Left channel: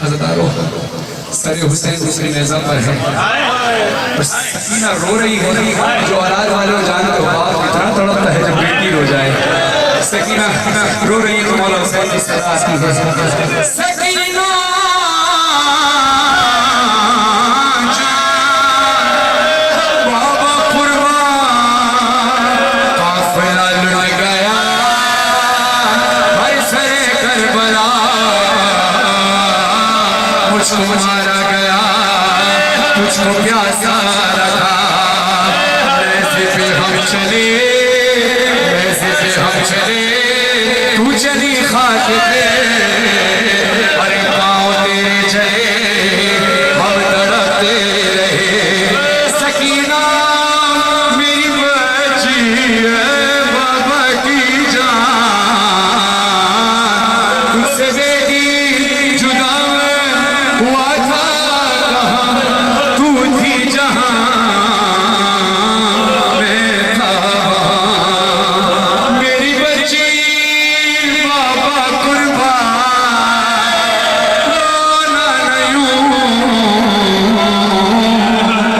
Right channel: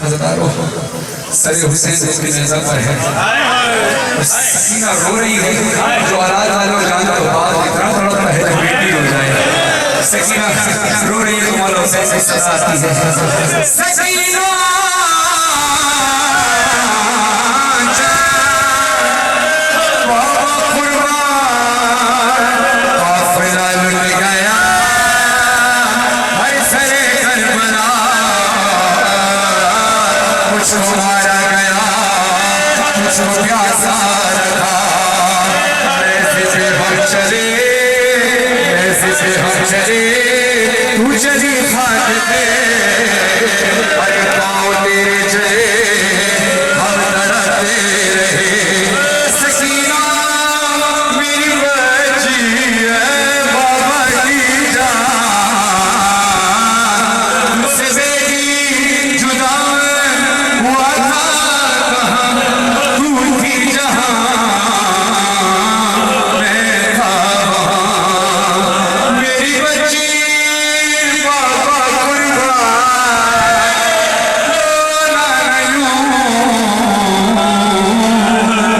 Sir Hussain उसकी नज़र पर है, सकीना रो रही है। जो औलाद वाले हो जाए तो बाप इतना तड़पता है जब बेटी हो जाए। सकीना रो रही है तो मौला हुसैन की सजा आती है। सकीना मारा गया कुछ प्यासा रहा, ऐसे हम चले ऐसे हम चले तू चली खाक पे, अरे पाँव तेरे चले हम लड़ते रहे। सकीना मेरी बच्ची है बाबा की जान, मुझसे बेटी जुदा हुआ था कहाँ, तू थी जहाँ मैं था। मेरी बच्ची बाबा कुर्बान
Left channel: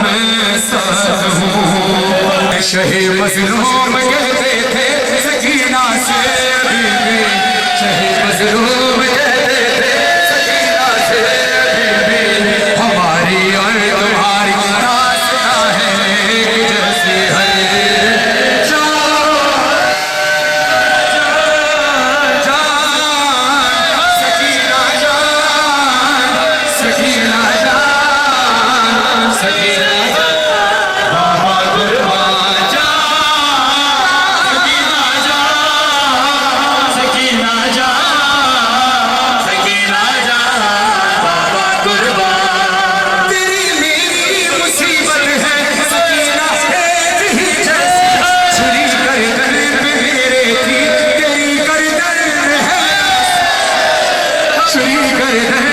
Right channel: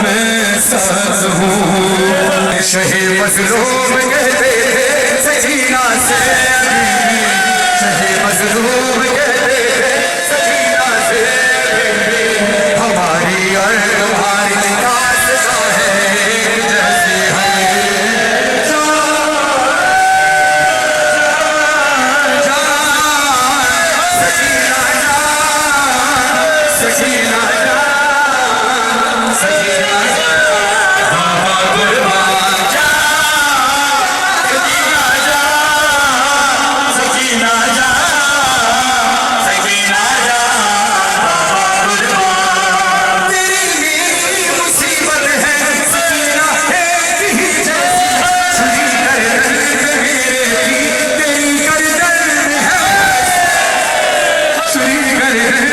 मैं सब हूँ। शहीद मजलूम कहते थे सकीना से, शहीद मजलूम कहते थे सकीना से, हमारी और तुम्हारी दास्तां है जैसी है। सकीना जान, सकीना जान, सकीना जान, बाबा कुर्बान जान, सकीना जान, सकीना जान, सकीना जान, बाबा कुर्बान। तेरी मेरी मुसीबत है सकीना एक ही जैसी है, छुरी गर्दन में मेरे की तेरी गर्दन में है, छुरी गर्दन